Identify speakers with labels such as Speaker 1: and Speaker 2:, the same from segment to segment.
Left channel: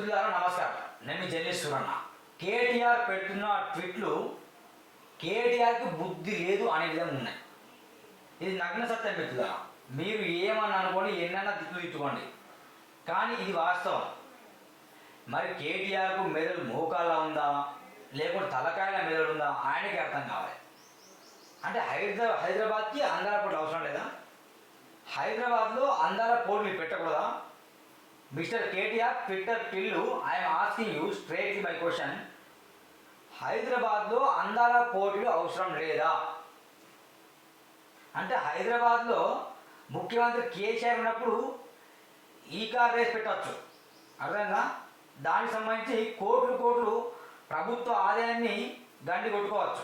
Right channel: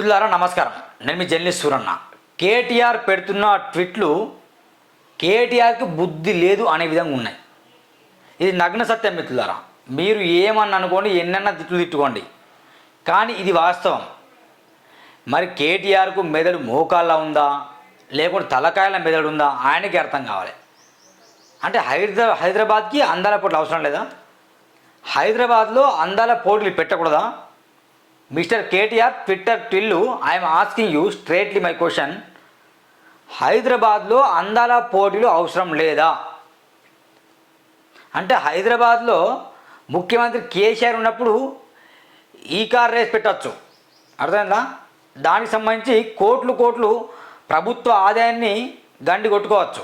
Speaker 1: మిత్రులారా నమస్కారం. నేను మీ జర్నలిస్ట్ సూరన్న. కేటీఆర్ పెడుతున్న ట్విట్లు కేటీఆర్కి బుద్ధి లేదు అనే విధంగా ఉన్నాయి. ఇది నగ్న సత్యం మిత్రులారా. మీరు ఏమని అనుకోండి ఎన్నన్నా తిట్లు తిట్టుకోండి. కానీ ఇది వాస్తవం. మరి కేటీఆర్కు మెదడు మోకాళ్ళ ఉందా? లేకుంటే తలకాయల మెదడు ఉందా? ఆయనకి అర్థం కావాలి. అంటే హైదరా హైదరాబాద్కి అందాల పోట్లు అవసరం లేదా? హైదరాబాద్లో అందాల పోటీలు పెట్టకూడదా? Mister KTR Twitter Tillu I'm asking you straightly my question. హైదరాబాద్లో అందాల పోటీలు అవసరం లేదా? అంటే హైదరాబాద్లో ముఖ్యమంత్రి కేసీఆర్ ఉన్నప్పుడు ఈ కార్ రేస్ పెట్టచ్చు. అర్థమైందా? దానికి సంబంధించి కోట్లు కోట్లు ప్రభుత్వ ఆదాయాన్ని గండి కొట్టుకోవచ్చు.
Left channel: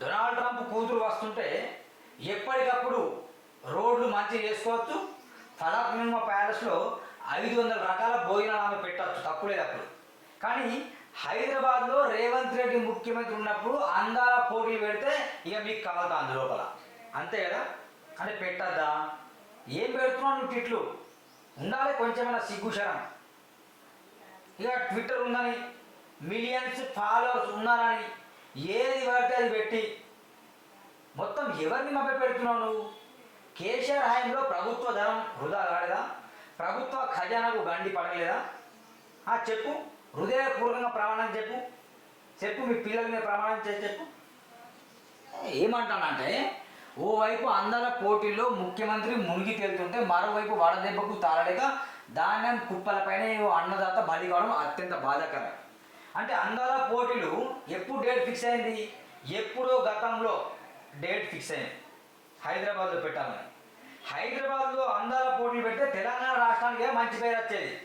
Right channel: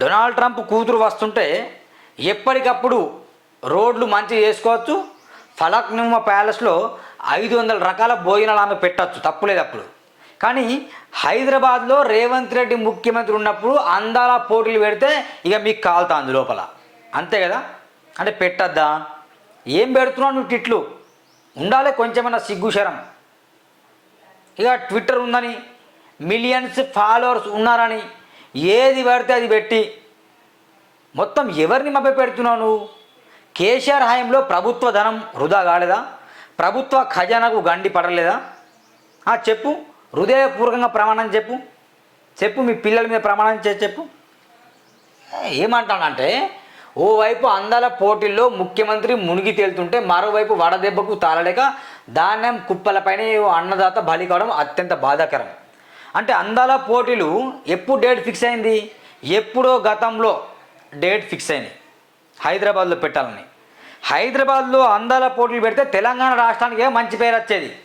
Speaker 1: డొనాల్డ్ ట్రంప్ కూతురు వస్తుంటే ఎప్పటికప్పుడు రోడ్లు మంచి చేసుకోవచ్చు ఫలక్నుమ ప్యాలెస్లో ఐదు వందల రకాల భోజనాలు ఆమె పెట్టచ్చు. తప్పులేదు అప్పుడు. కానీ హైదరాబాద్లో రేవంత్ రెడ్డి ముఖ్యమంత్రి ఉన్నప్పుడు అందాల పోటీలు పెడితే ఇక మీకు కాలుతాంది లోపల. అంతే కదా? అంటే పెట్టద్దా? ఏం పెడుతున్నావు నువ్వు టిట్లు ఉండాలి కొంచెమైనా సిగ్గుశరం ఇక ట్విట్టర్ ఉందని మిలియన్స్ ఫాలోవర్స్ ఉన్నారని ఏది పడితే అది పెట్టి. మొత్తం ఎవరిని మభ్య పెడుతున్నావు నువ్వు? కేసీఆర్ హయాంలో ప్రభుత్వ ధనం వృధా కాలేదా? ప్రభుత్వ ఖజానాకు గండి పడలేదా? చెప్పు. హృదయపూర్వకంగా ప్రమాణం చెప్పు. చెప్పు మీ పిల్లల మీద ప్రమాణం చేసి చెప్పు. ఏమంటానంటే ఓవైపు అందాల పోటీల్లో ముఖ్యమంత్రి మునిగి తేలుతుంటే మరోవైపు వడదెబ్బకు తాళలేక ధాన్యం కుప్పలపైనే ఓ అన్నదాత బలి కావడం అత్యంత బాధాకరం. అంటే అందాల పోటీలు ఎప్పుడు డేట్ ఫిక్స్ అయింది? ఎప్పుడో గతంలో డేట్ ఫిక్స్ అయింది. హైదరాబాద్లో పెట్టాలని. హైదరాబాద్లో అందాల పోటీలు పెడితే తెలంగాణ రాష్ట్రానికి మంచి పేరు వచ్చేది?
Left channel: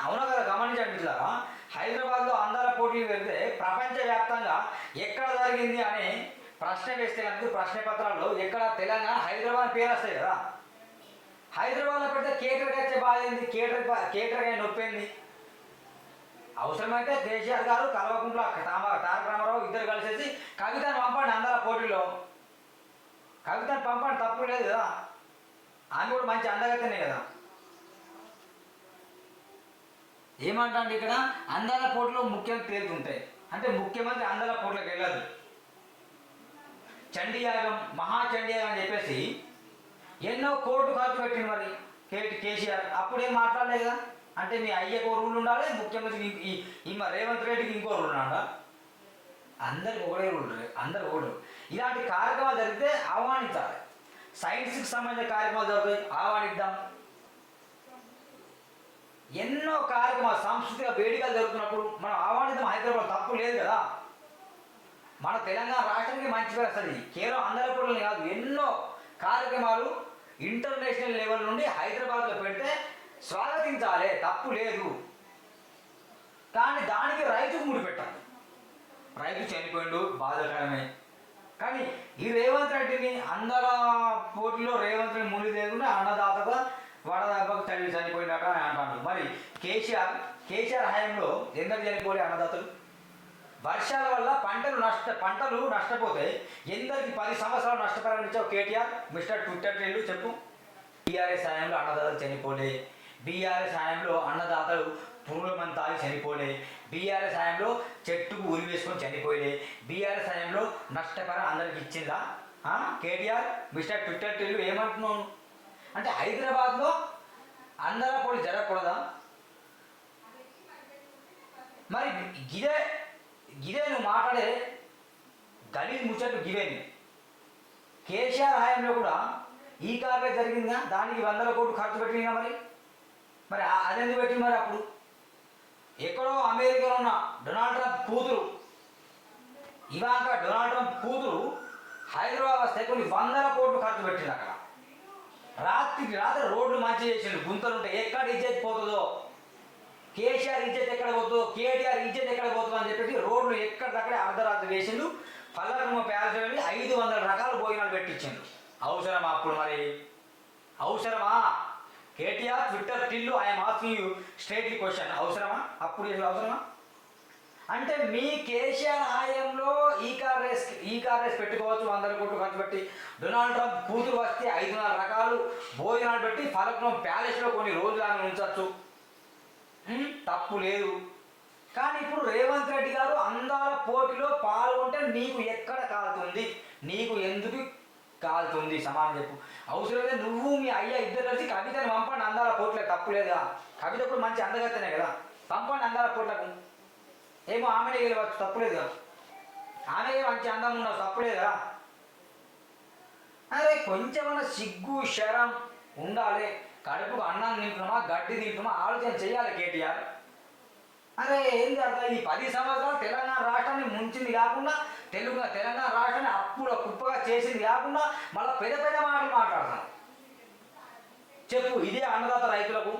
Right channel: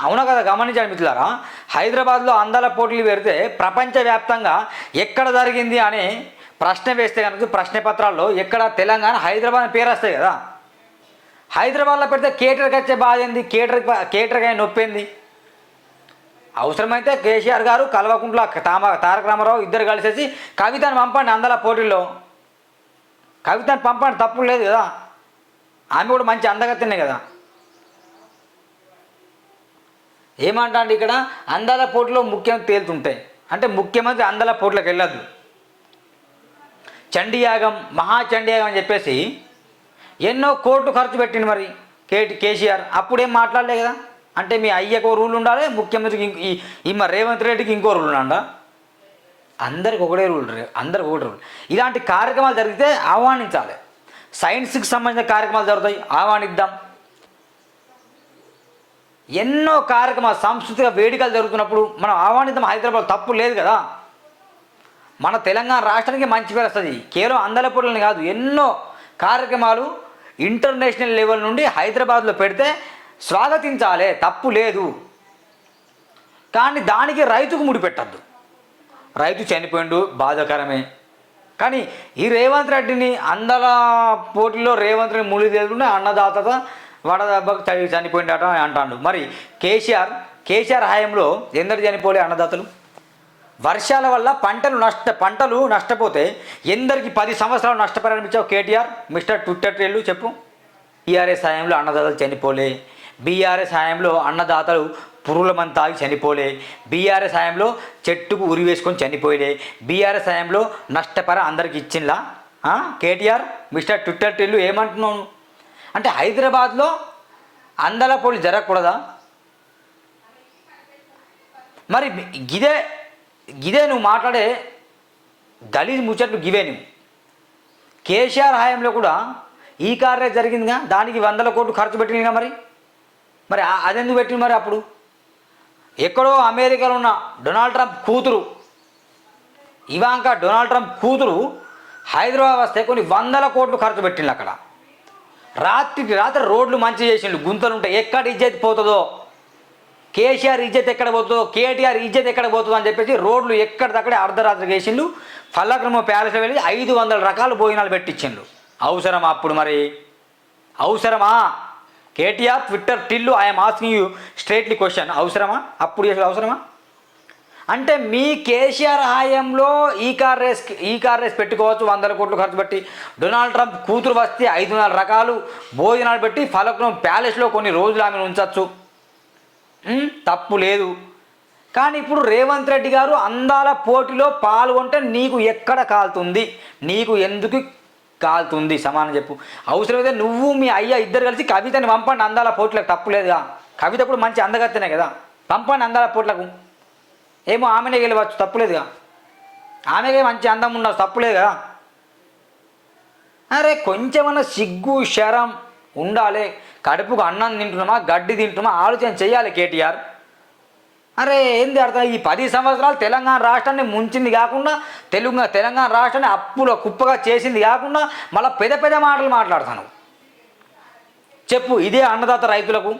Speaker 1: అవునా కదా? గమనించాలి మిత్రులారా. హైదరాబాద్లో అందాల పోటీలు పెడితే ప్రపంచవ్యాప్తంగా ఎక్కడ జరిగింది అని ప్రశ్న వేస్తే కనుక ప్రశ్న పత్రాల్లో ఎక్కడ తెలంగాణ హైదరాబాద్ పేరు వస్తాయి కదా. హైదరాబాద్లో పెడితే కేటర్కి వచ్చే బాధ ఏంది? కేటర్ కేటర్కి అయిన నొప్పింది అవసరమైతే కేసీఆర్ గారు కల్వకుంట్ల తామ తారక రామారావు ఇద్దరు కలిసేసి కవితను పంపండి అందాల పోటీల్లో. కవితను పంపండి తప్పు లేదు కదా. ఆమె కూడా మంచి అందగత్తెనే కదా. ఏమంటాండి ఇక్కడ? అందాల పోటీలో ముఖ్యం తేలుతుంటాయి అంటే ముఖ్యమంత్రి అందాల పోటీలకు వెళ్ళద్దు చండీయాగం మహాచండీయాగం అని చెప్పేసి ఎన్నో కోట్లు ఖర్చు పెట్టింది మరి కేటి కేసీఆర్. అప్పుడేం మాట్లాడలే కదా. అంటే మీ అయ్యకు రూల్ ఉండాలి ముఖ్యమంత్రికి ఈ మా రేవంత్ రెడ్డికి ఇంకో రూల్ ఉండా అందరికి ఒకటే రూల్ అందరికి ఒకటే రూల్ ఇలాంటి కార్యక్రమాలు జరిగితే ఆహ్వానించాలి. సైన్స్కి సంబంధించిన కార్యక్రమాలు జరుగుతాయి ఆహ్వానిద్దాం. ఎన్నో కార్యక్రమాలు సాంస్కృతిక వేడుకలు జరుగుతున్నప్పుడు మనం ఆహ్వానిద్దాం హైదరాబాద్ తప్పు లేదు కదా. మన తెలంగాణ రాష్ట్రానికి మంచి పేరు వస్తుంది. కేవలం అందలపూర్లని కాదు ఎన్నో కార్యక్రమాలు ఇంటర్నేషనల్ లెవెల్ నుండి హైదరాబాద్లో పెడితే స్వాగతించాలి తప్పు లేదు. కానీ దానికి రైతుకు ముడిపెట్టద్దు. రైతు చనిపోయిండు బాధాకరమే. కానీ ఈ రేవంత్ రెడ్డిని అందల పోటీలో రేవంత్ రెడ్డి ముడి తీసుకుంటే అన్నదాతగా వడదెబ్బకు చని చనిపోయిండట అంటాడు. మరి కేసీఆర్ కేసీఆర్ హయాంలో ఎందరు చనిపోలే అన్నదాతలు? వర్షాల వల్ల పంటలు నష్ట పంటలు నష్టపోతే ఎందరికి పది సంవత్సరాలు నష్టపరిణమించావు కేటీఆర్? మిస్టర్ ట్విట్టర్ ట్రేళ్ళు చెప్పు. టీఆర్ఎస్ హయాంలో అన్నదాతలు చనిపోలే. బీఆర్ఎస్ హయాంలో అన్నదాతలు పురుగుల మంది తాగి చనిపోలే. బీఆర్ఎస్ హయాంలో చెట్టుకు ఉరి వేసుకొని చనిపోయలే. బీఆర్ఎస్ హయాంలో నష్టపర అందరికి ఇచ్చిందా కేటీఆర్ మిస్టర్ ట్విట్టర్ టెల్లు ఏమంటున్నావు? అంటే హైదరాబాద్లో అందల పోలి జరగకూడదా? మరి గిదే గిదే నువ్వు మాట్లాడే దళిత ముచ్చట్లు గివే నువ్వు. కేసీఆర్ హయాంలో కూడా ఈ కార్య జరిగిందిగా? దానికి వందల కోట్లు ఖర్చు పెట్టిందిగా మరి? మరి అది అదెందుకు పెట్టింది మరి అప్పుడు? ఎక్కడో అమెరికాలో ఉన్న డొనాల్డ్ ట్రంప్ కూతురు. ఇవాంక డొనాల్డ్ ట్రంప్ కూతురు హైదరాబాద్ వస్తే కొన్ని వందల కోట్లు ఖర్చు పెట్టిండు అక్కడ. రాత్రికి రాత్రి రోడ్లు మంచి చేసిండు గుంతలు ఉంటాయి. ఎక్కడ ఇజ్జత్ పోతుందో? కేసీఆర్ ఇజ్జత్ ఎక్కడ పోతుందో? కేటీఆర్ ఇజ్జత్ ఎక్కడ పోతుందో అని చెప్పేసి రోడ్లు ఎక్కడిదక్కడే అర్ధరాత్రి వేసిండు ఫల్లక్రమ ప్యాలెస్ వెళ్ళి ఐదు వందల రకాల భోజనాలు పెట్టించిండు. అవసరమా అప్పుడు మరి? అవసరమా? KTR Twitter Tillu I'm asking you straightly question అవసరమా? అప్పుడు చేసేది అవసరమా? అంటే మీ కేసీఆర్ హాయంలో ఈ కార్ రేస్ ఈ కార్ రేస్ పెట్టుకోవచ్చు వందల కోట్లు ఖర్చు పెట్టి. డొనాల్డ్ ట్రంప్ కూతురు వస్తే ఐదు నాలుగు రకాలు భోజనాలు పెట్టి ఫలక్నం ప్యాలెస్లో కొన్ని రోజులు ఆమెను ఉంచవచ్చు తప్పు లేదు. కానీ ఇప్పుడు రేవంత్ రెడ్డి గారు అందాల పోటీలో పాల్గొంటే నీకు ఎక్కడ కాలుతుంది? నీకు ఎందుకు కాలుతుంది సమానం చెప్పు. అవసరమైతే నువ్వు మీ అయ్య ఇద్దరు కలిసి కవితని పంపండి అందాల పోట్లకు తప్పులేదుగా కవిత కూడా మంచి అందగత్తనే కదా? పంపండి అందాల పోట్లకు. ఏమో ఆమెనే గెలవచ్చు తప్పులేదుగా ఆమెకే మంచి అందం ఉన్నారు తప్పులేదు కదా? అరే కొంచెమన్నా సిగ్గు శరం ఉండాలి. కడుపుకు అన్నం తింటున్నామా గడ్డి తింటున్నామా ఆలోచన చేయాలి కేటీఆర్. అరే ఏంది అర్థం? ఈ పది సంవత్సరాలు తెలంగాణ రాష్ట్రాన్ని ముంచింది కాకుండా తెలుగు తెలంగాణ రాష్ట్రాన్ని అప్పులో కుప్పగా చేసింది కాకుండా మళ్ళీ పెద్ద పెద్ద మాటలు మాట్లాడుతాను చెప్పు ఇదే అన్నదాత రైతులకు.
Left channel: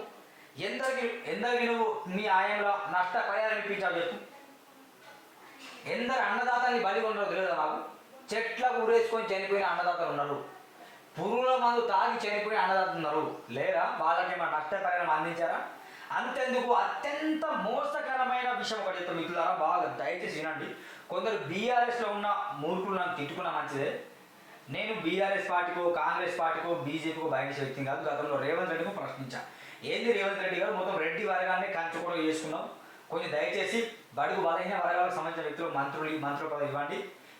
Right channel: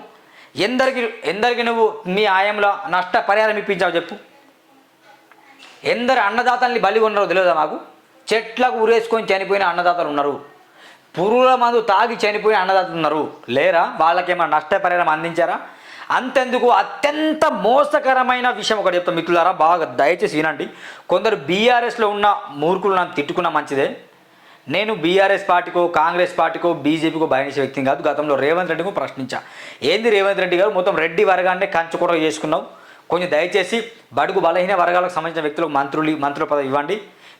Speaker 1: ఎందరికి ఎందరికి నువ్వు మీ ఆయంలో నష్ట పరిహారం ఇప్పించావు చెప్పు. ఎందరు అన్నదాతల్ని బలి ఉన్నారో తెలియదా మాకు? చెట్లకు ఉరేసుకొని చనిపోయిన అన్నదాతలు ఉన్నారు. పురుగుల మందు తాగి చనిపోయిన అన్నదాతలు ఉన్నారు. లేరా? వాళ్ళకేమైనా నష్టపరిహారం అందించారా? అంతెందుకు? అత్యంత మోసకరమైన విషయం ఒకటి చెప్తాం మిత్రులారా బాగా దయచేసి వినండి. కొందరు బీఆర్ఎస్లో ఉన్న మూర్ఖులు నన్ను తిట్టుకున్న మంచిదే. నేను బీఆర్ఎస్ పార్టీకో కాంగ్రెస్ పార్టీకో బీజేపీకో భయనించే వ్యక్తిని కాదు. గతంలో రేవంత్ రెడ్డికి ప్రశ్నించా. ఏంది రేవంత్ రెడ్డి గారు? మొత్తం రెడ్డి వర్గాన్ని కంచుకోవడం చేసుకున్నావు. కొంచెం దయచేసి బడుగు బలహీన వర్గాలకు సంబంధించిన వ్యక్తులకు మంత్రులు మంత్రుల పదవి ఇవ్వండి.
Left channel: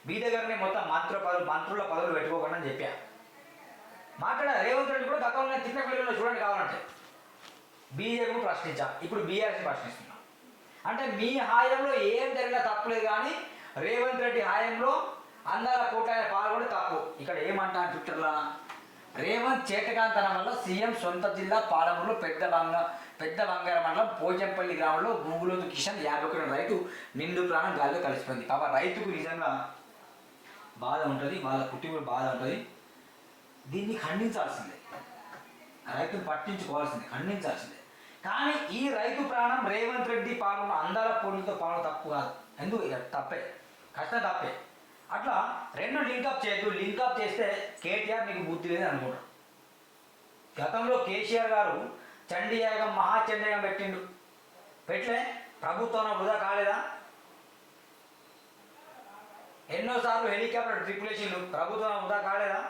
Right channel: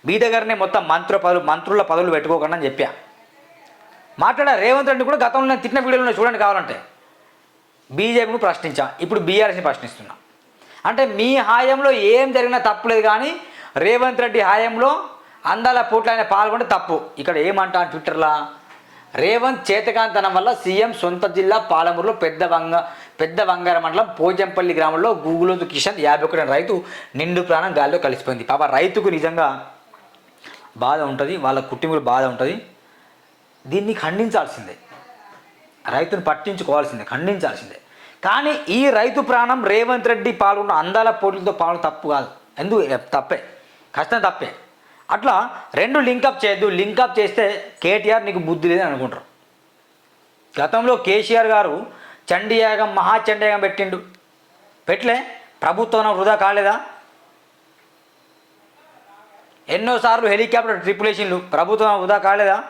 Speaker 1: మీ దగ్గరనే మొత్తం మంత్రుల పదవులు మంత్రుల పదవులు పెట్టుకోకుండా అని చెప్పా. మాట్లాడా రేవంత్ రెడ్డి కూడా? గతంలో నేను తిట్టిన వీడియోలో చూడండి కావాలంటే. బీజేపీని ప్రశ్నించా. ఇప్పుడు బీఆర్ఎస్ని ప్రశ్నిస్తున్నా. అంటే మీ హాయంలో ఏం జరిగినా తప్పులేదు కానీ రేవంత్ రెడ్డి హాయంలో అందాల పోట్లు ఆయన పాల్గొంటే తప్పు. ఇక్కడ ఏమంటా ట్విట్టర్లా? రేవంత్ చేతకాంతనం వల్ల సీఎం సొంత జిల్లా పాలమూరులో పెద్ద వంగ పెద్ద వంగార మండలం పోజంపల్లి గ్రామంలో గూగులోతు కిషన్ యాభై ఒకటి రైతు నిండు ప్రాణం గాల్లో కలిసిపోయింది. పాప రైతుకు నిజంగా బాధ ఉంటుంది వాళ్ళ కుటుంబులు బాధ ఉంటుంది. దీన్ని ఖండించాల్సిందే. రైతును పట్టించుకోవాల్సిందే ఖండించాల్సిందే. కానీ ఈ రైతు ప్రాణం రేవంత్ రెడ్డి పాల్గొన్న అందాల పోటీలతో పాలు తప్పు కాదు. ఎందుకు? తప్పే. కష్టం తప్పే. అట్లా రెండు లింకప్ చేయొద్దు. లింకప్ చేస్తే కేటీఆర్ నీకు బుద్ధి లేదని అనుకుంటారు. గతంలో కేసీఆర్ గారు చండీయాగం మహాచండీయాగం పెట్టిండు. పెట్టలే? ప్రభుత్వం వృధా కాలేదా? ఎన్నోసార్లు హెలికాప్టర్ ట్రిపులేషన్లు ప్రభుత్వం వృధా కాలేదా?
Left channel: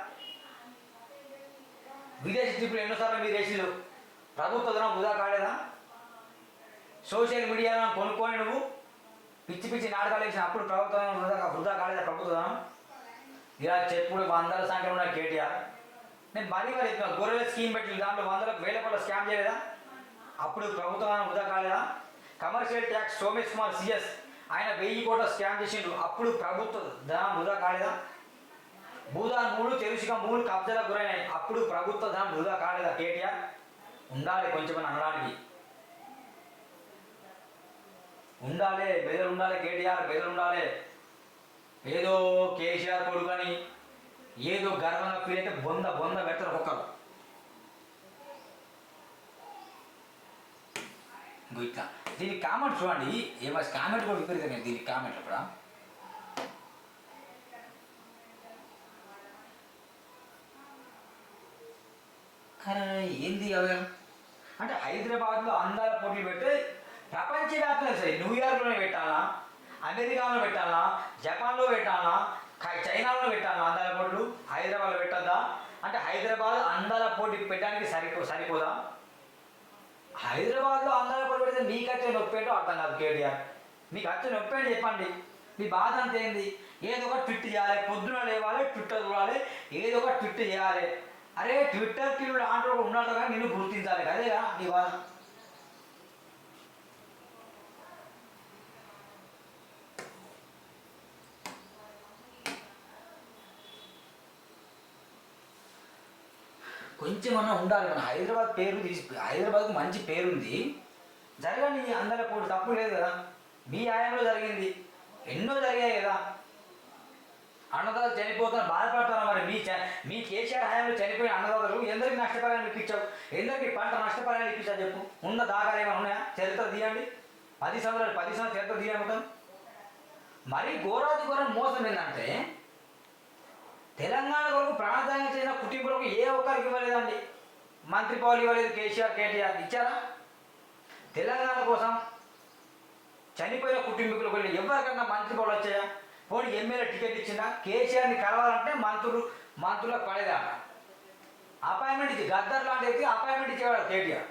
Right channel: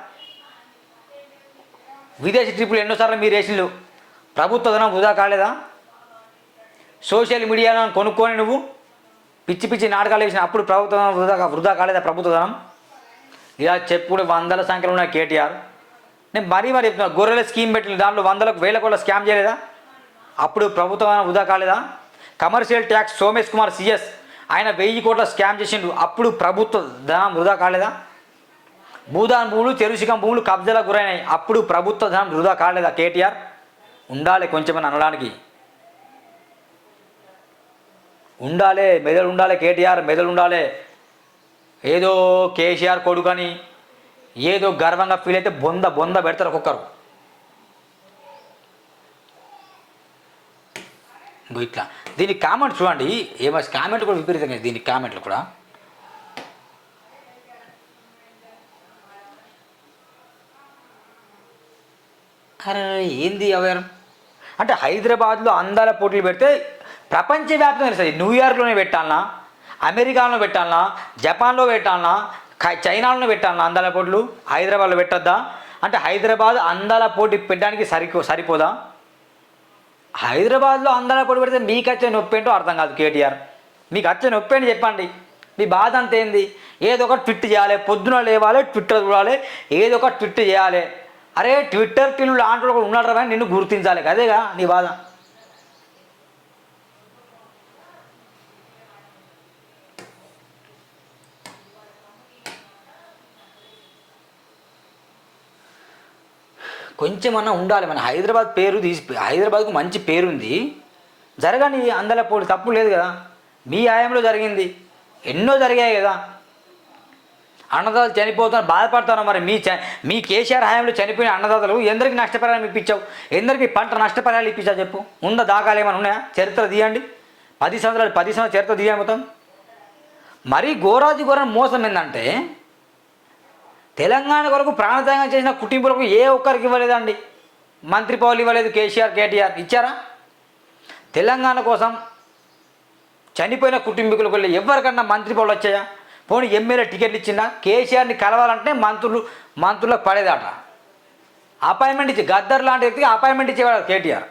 Speaker 1: విదేశీ ట్రిప్పులు ఎన్నోసార్లు మీరు వేసిండు ప్రభుత్వ ధనం వృధా కాలేదా? సోషల్ మీడియాలో కొనుక్కొని నువ్వు పిచ్చి పిచ్చి నాటకాలు వేసిన అప్పుడు ప్రభుత్వం వృధా వృధా కాలేదా ప్రభుత్వ ధనం ఇలా చెప్పుడు వందల సంఖ్యలో ఉన్న కేటీఆర్. నేను మరీ మరి చెప్తున్నా గొర్రెల స్కీమ్ పెట్టిన దాంట్లో వందలకు వేల కోట్ల స్కామ్ చేయలేదా? అప్పుడు ప్రభుత్వం వృధా కాలేదా? Commercial tax Somesh Kumar CS ఆయన వెయ్యి కోట్ల స్కామ్ చేసిండు. అప్పుడు ప్రభుత్వ ధనం వృధా కాలేదా? భూదాన్ భూములు చెరుసికం భూములు కబ్జాలకు గురైనాయి. అప్పుడు ప్రభుత్వ ధనం వృధా కాలేదా కేటీఆర్? ఉండాలి కొంచెమని అనడానికి. ఉండాలి మెదడు ఉండాలి కేటీఆర్ మెదడు ఉండాలి. ఏదో కేసీఆర్ కొడుకని ఏదో గర్వంగా ఫీల్ అయితే బొంద బొంద పెడతారు ఒక్కొక్కరు. ఇట్లా. దీనికి కామెంట్ చూడండి. ఏమో కామెంట్ కూడా విపరీతంగా దీనికి కామెంట్లు కూడా. అరే ఏంది అవయారం అంటే హైదరాబాద్లో అందాల పోటీలు పెడితే ప్రపంచవ్యాప్తంగా తెలుస్తుంది. న్యూయార్క్లోనే పెట్టాలనా? అమెరికాలో పెట్టాలనా? జపాన్లో పెట్టాలనా? చైనాలో పెట్టాలనా అందాల పోటీలు? హైదరాబాద్లో పెట్టద్దా? అంటే హైదరాబాద్ అందాల పోటీ పెట్టడానికి సరిపో సరిపోదా? హైదరాబాద్లో అందాల పోటీ పెడితే మీకు వచ్చే నొప్పి ఏంటో అర్థం కాదు కేటీఆర్. మీకు వచ్చే నొప్పి ఏంటి చెప్పండి. మీ బాధ అంత ఏంది ఏదో ఒక ట్విట్ చేయాలి పొద్దున లేవాలి ట్విట్టర్ చూడాలి ఏదో ఒక ట్విట్ చేయాలి. అరే ట్విట్టర్ పిల్లు లాంటి ఉన్నాడు రా నిన్ను గుర్తించాలి. అదేగా నీ బాధ. కొంచెమన్నా ఉండాలి. మన హైదరాబాద్ పేరు తీసి హైదరాబాద్కు మంచి పేరుంది. జరగని అందల పోటీ తప్పు లేదు కదా. మీ ఆయంలో జరిగింది. ఎన్నో జరిగాయి కదా. అన్నదాతలు చనిపోతున్నారు బాధపడతారు మరి. మీ చ మీ కేసీఆర్ హయాంలో చనిపోయిన అన్నదాతలు ఎందరికి నష్టపరిహారం ఇప్పించావు? ఎందరికి పంట నష్టపరిహారాలు ఇప్పించావు చెప్పు? ఉన్న దాఖలు ఏమైనా ఉన్నాయా? చరిత్ర తీయండి. పది సంవత్సరాలు పది సంవత్సరాలు చరిత్ర తీయండి మొత్తం. మరీ ఘోరాది ఘోరం మోసం ఏంటంటే తెలంగాణ కొరకు ప్రాణత్యాగం చేసిన కుటుంబాలకు ఏ ఒక్కరికి ఇవ్వలేదండి. మంత్రి పౌలు ఇవ్వలేదు కేసీఆర్ కేటీఆర్. ఇచ్చారా? తెలంగాణ కోసం చనిపోయిన కుటుంబీకులకు వెళ్ళి ఎవరికన్నా మంత్రి పౌలు వచ్చాయా? పోనీ ఎమ్మెల్యే టికెట్ ఇచ్చిందా కేసీఆర్ని కలవాలంటే మంత్రులు మంత్రులకు పడేదట. అపాయింట్మెంట్ ఇచ్చి గద్దర్ లాంటి వ్యక్తికి అపాయింట్మెంట్ ఇచ్చేవాడు కేటీఆర్.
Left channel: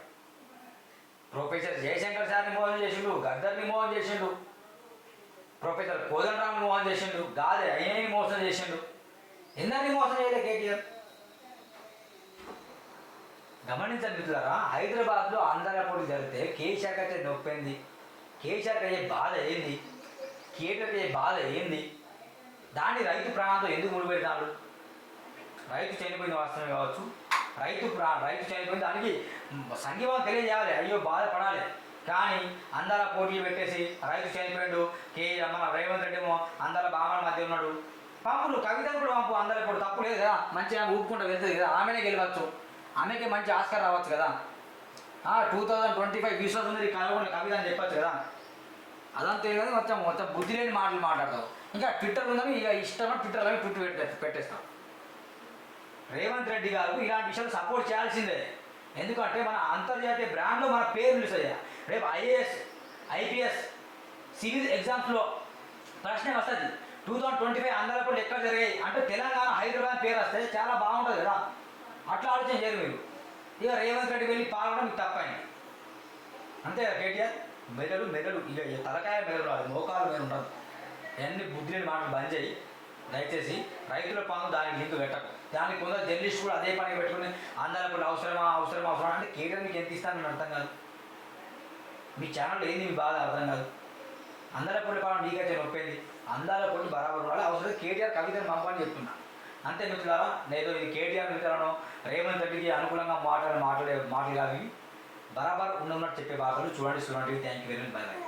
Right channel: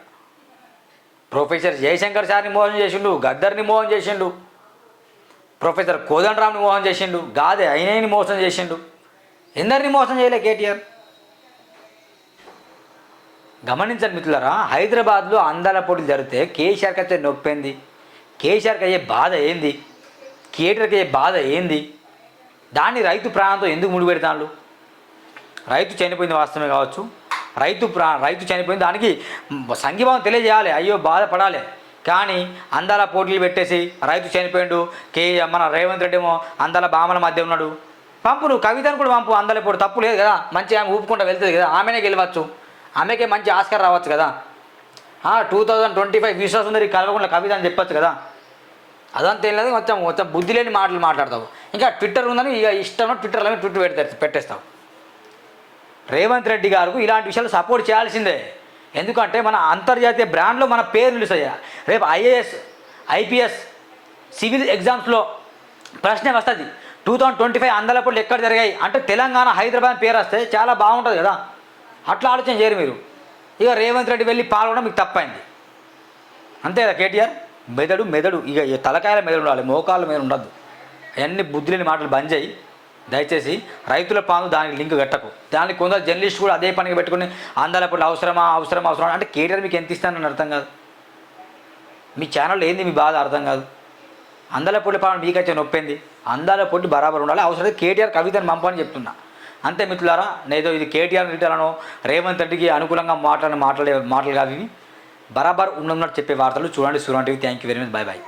Speaker 1: ప్రొఫెసర్ జయశంకర్ సార్ని మోసం చేసిండు గద్దర్ని మోహం చేసిండు. ప్రొఫెసర్ కోదండరామ్ని మోసం చేసిండు గాదే అయినని మోసం చేసిండు. ఎందరిని మోసం చేయలే కేటీఆర్? గమనించండి మిత్రులరా హైదరాబాద్లో అందాల పోటీలు జరిగితే కేసీఆర్కి అయితే నొప్పింది కేసీఆర్కి అయ్యే బాధ ఏంది? కేటర్కి బాధ ఏంది? దాన్ని రైతు ప్రాణంతో ఎందుకు ముడిపెడతాడు? రైతు చనిపోయింది వాస్తవమే కావచ్చు. రైతు ప్రా రైతు చనిపోయింది దానికి సంఘీభావం తెలియజేయాలి. అయ్యో బాధపడాలి. కానీ అందాల పోటీలు పెట్టేసి రైతు చనిపోయిండు. కే మన రేవంత్ రెడ్డి ఏమో అందాల బామల మధ్య ఉన్నాడు. పంపు నువ్వు కవితను కూడా పంపు. అందాల పోటీ తప్పు లేదు కదా. మంచి ఆమె ఊపుకుంటూ వెళ్తుంది కదా. ఆమెనే గెలవచ్చు. ఆమెకే మంచి ఆస్కార్ రావచ్చు కదా. టూ థౌజండ్ ట్వంటీ ఫైవ్ విశ్వాసం ఉంది కలవకుండా కవిత అని చెప్పచ్చు కదా. అదంతా ఏం లేదు కొంచెం కొంచెం బుద్ధి లేని మాటలు మాట్లాడతావు. ఇంకా ట్విట్టర్ ఉందని ఇక ఇష్టం ట్విట్టర్లో ట్విట్ పెడతారు పెట్టేస్తావు. రేవంత్ రెడ్డి గారు ఇలాంటి విషయాలు సపోర్ట్ చేయాల్సిందే. ఎందుకంటే మన అంతర్జాతీయ బ్రాండ్లో మన పేరు నిలుస్తాయా. రేపు ఐఏఎస్ ఐపీఎస్ సివిల్ ఎగ్జామ్స్లో ప్రశ్న వస్తుంది. టూ థౌజండ్ ట్వంటీ ఫైవ్ అందలప్పుడు ఎక్కడ జరిగాయి? అంటే తెలంగాణ హైదరాబాద్ పేరు వస్తే చాలా బాగుంటుంది కదా. అట్లా ఆలోచన చేయరు మీరు. ఇక రేవంత్ రెడ్డి వెళ్ళి పాల్గొనడం మీకు తప్పైంది. అంతే కదా కేటీఆర్? మెదడు మెదడు ఇక తలకాయల మెదడు ఉండాలి మోకాళ్ళ మీద ఉండద్దు. అవన్నీ బుద్ధి లేని మాటలు బంద్ చేయి. దయచేసి రైతుల పాము దానికి లింక్ కట్టకు. దానికి కొందరు జర్నలిస్ట్ కూడా అదే పనిగా పెట్టుకుని అందాలప్పుడు అవసరమా అవసరమా అవసరమా అంటే కేటీఆర్ మీకు ఎంత ఇస్తానని అర్థం కాదు. మీ ఛానల్ ఏంది మీ బాధ అర్థం కాదు. అందాల పొడి పాలన వచ్చే నొప్పింది. అందాల పొట్టి బరాబర్ ఉండాలి. అవసరం కేటీఆర్ కవితను పంపని చెప్తున్నా. అంతే మిత్రులారా నేదో ఇది కేటీఆర్ రిటర్లను రేవంత్ రెడ్డికి అనుకూలంగా మాట్లాడిన మాట్లాడే మాటలు కాదు ఇవి. బరాబర్ ఉన్నట్టు చెప్పే వార్తలు చూడండి. చూడండి thank you very much. Bye bye